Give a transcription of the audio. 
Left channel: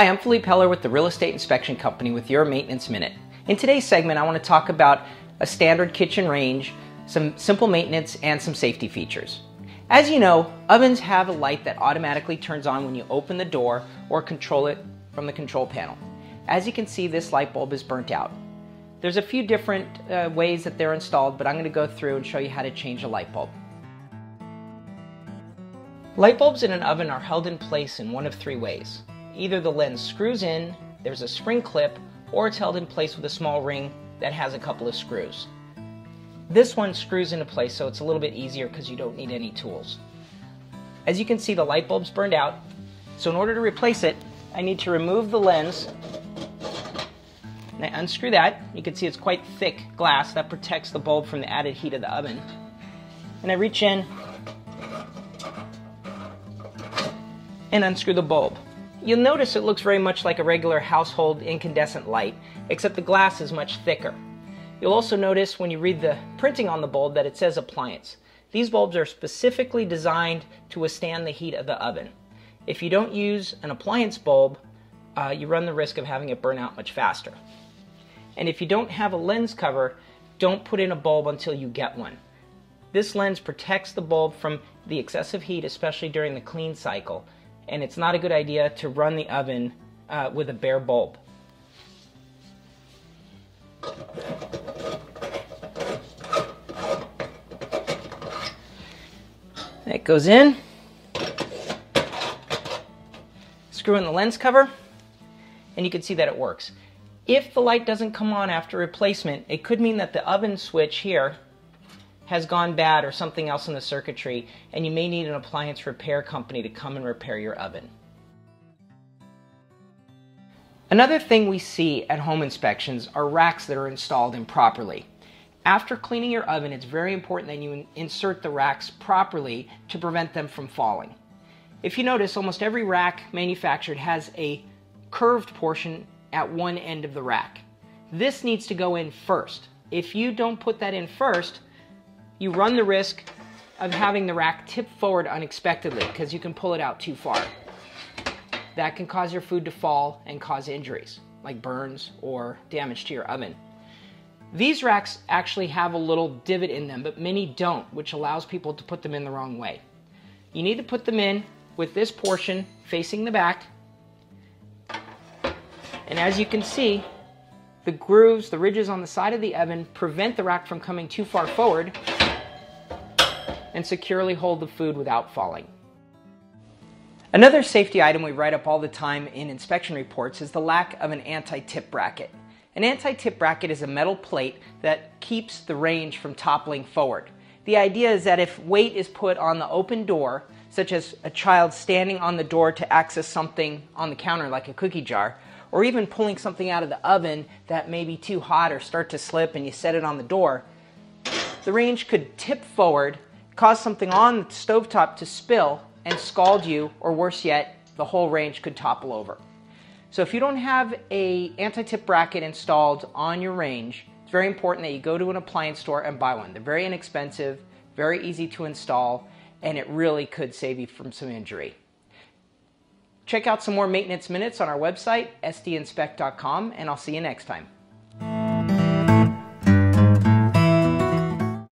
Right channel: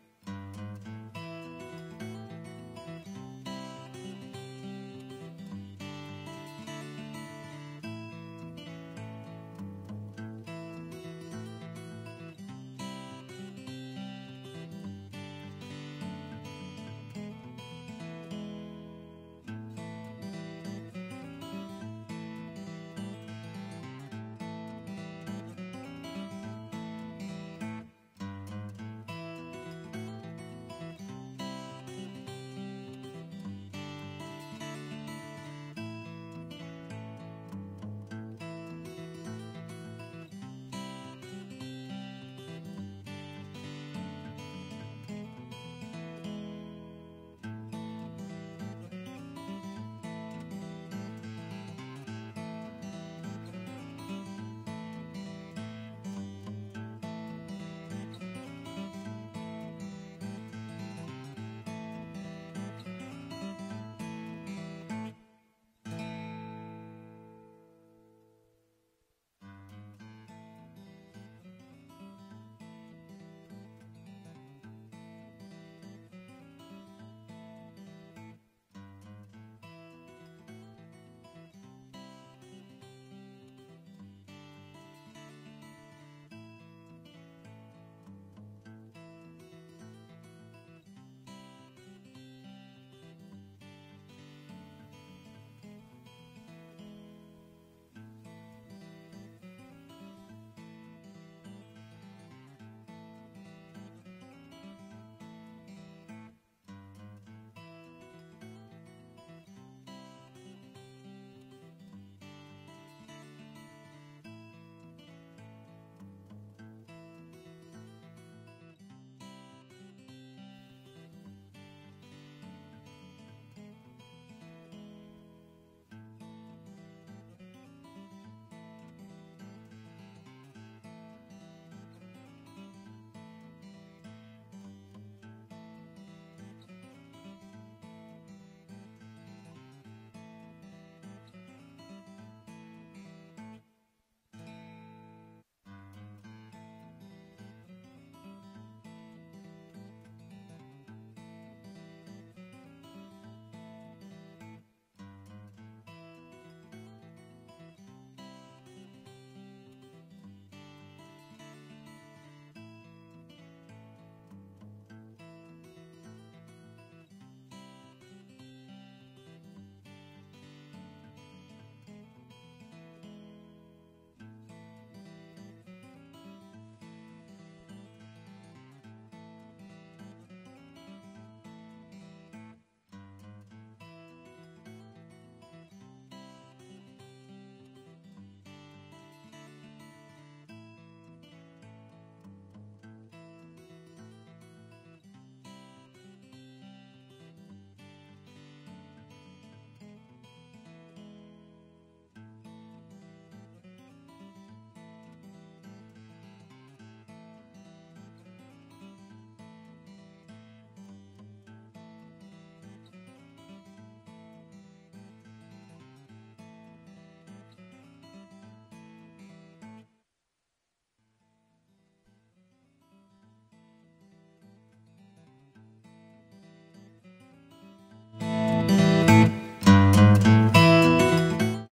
Hi, I'm Philippe Heller with the Real Estate Inspection Company with your Maintenance Minute. In today's segment, I want to talk about a standard kitchen range, some simple maintenance, and some safety features. As you know, ovens have a light that automatically turns on when you open the door or control it from the control panel. As you can see, this light bulb is burnt out. There's a few different ways that they're installed, but I'm going to go through and show you how to change a light bulb. Light bulbs in an oven are held in place in one of three ways. Either the lens screws in, there's a spring clip, or it's held in place with a small ring that has a couple of screws. This one screws into place, so it's a little bit easier because you don't need any tools. As you can see, the light bulb's burned out, so in order to replace it, I need to remove the lens. And I unscrew that. You can see it's quite thick glass that protects the bulb from the added heat of the oven. And I reach in and unscrew the bulb. You'll notice it looks very much like a regular household incandescent light, except the glass is much thicker. You'll also notice when you read the printing on the bulb that it says appliance. These bulbs are specifically designed to withstand the heat of the oven. If you don't use an appliance bulb, you run the risk of having it burn out much faster. And if you don't have a lens cover, don't put in a bulb until you get one. This lens protects the bulb from the excessive heat, especially during the clean cycle. And it's not a good idea to run the oven with a bare bulb. It goes in. Screw in the lens cover, and you can see that it works. If the light doesn't come on after replacement, it could mean that the oven switch here has gone bad or something else in the circuitry, and you may need an appliance repair company to come and repair your oven. Another thing we see at home inspections are racks that are installed improperly. After cleaning your oven, it's very important that you insert the racks properly to prevent them from falling. If you notice, almost every rack manufactured has a curved portion at one end of the rack. This needs to go in first. If you don't put that in first, you run the risk of having the rack tip forward unexpectedly because you can pull it out too far. That can cause your food to fall and cause injuries, like burns or damage to your oven. These racks actually have a little divot in them, but many don't, which allows people to put them in the wrong way. You need to put them in with this portion facing the back. And as you can see, the grooves, the ridges on the side of the oven prevent the rack from coming too far forward and securely hold the food without falling. Another safety item we write up all the time in inspection reports is the lack of an anti-tip bracket. An anti-tip bracket is a metal plate that keeps the range from toppling forward. The idea is that if weight is put on the open door, such as a child standing on the door to access something on the counter like a cookie jar, or even pulling something out of the oven that may be too hot or start to slip and you set it on the door, the range could tip forward, cause something on the stovetop to spill and scald you, or worse yet, the whole range could topple over. So if you don't have an anti-tip bracket installed on your range, it's very important that you go to an appliance store and buy one. They're very inexpensive, very easy to install, and it really could save you from some injury. Check out some more maintenance minutes on our website, sdinspect.com, and I'll see you next time.